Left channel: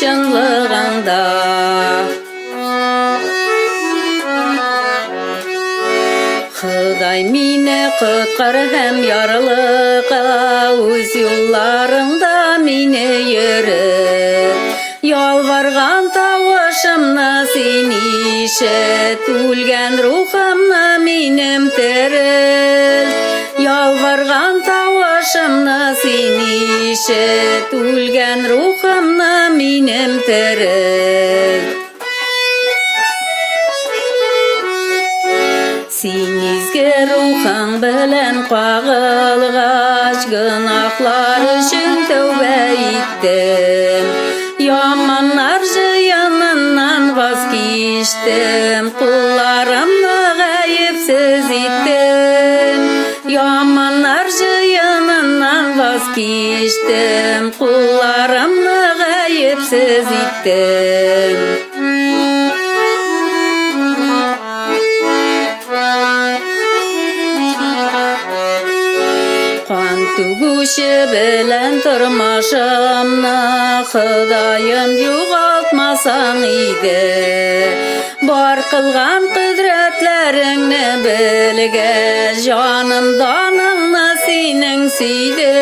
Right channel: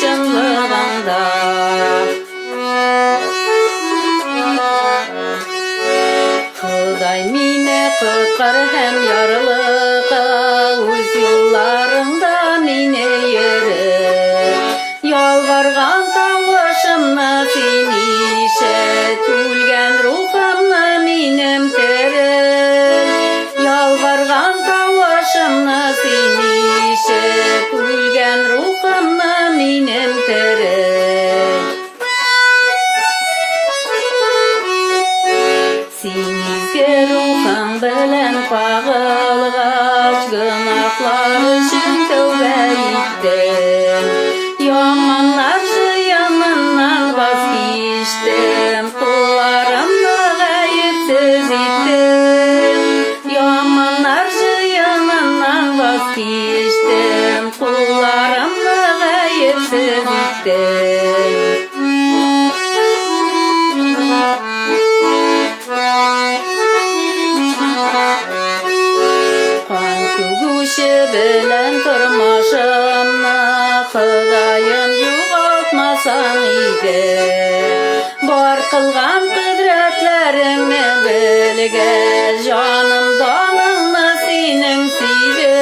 şınlığında. Xuday meni qutkar hem yarılığa, öz yollarında meni yürüp. Yalvargan tavışımna sen işet, ölgen ruhumna menim teril. Yalvargan tavışımna sen işet, ölgen ruhumna menim teril. Sen izge ruhun bilen pagılgaç, günahlar üçün tövbe ettim. Yamanlar ziyanından vazgeçtim, kullarımla gayipsiz ettim. Yamanlar ziyanından vazgeçtim, kullarımla gayipsiz ettim. Kan tügüşü bilen turmuşumna, Xudayım yo'qotmasan edi. Bor qilgan qudratlaringni bilgach, jonim donimni sening suydi.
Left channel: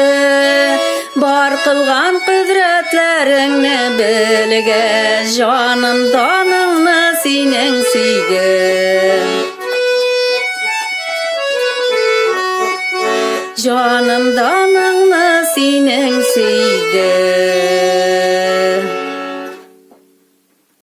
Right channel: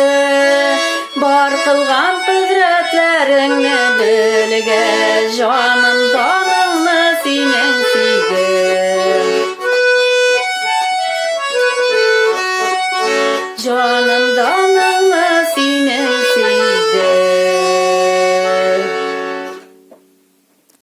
Bor qilgan qudratlaringni bilgach, jonim donimni sening suydi. Canımda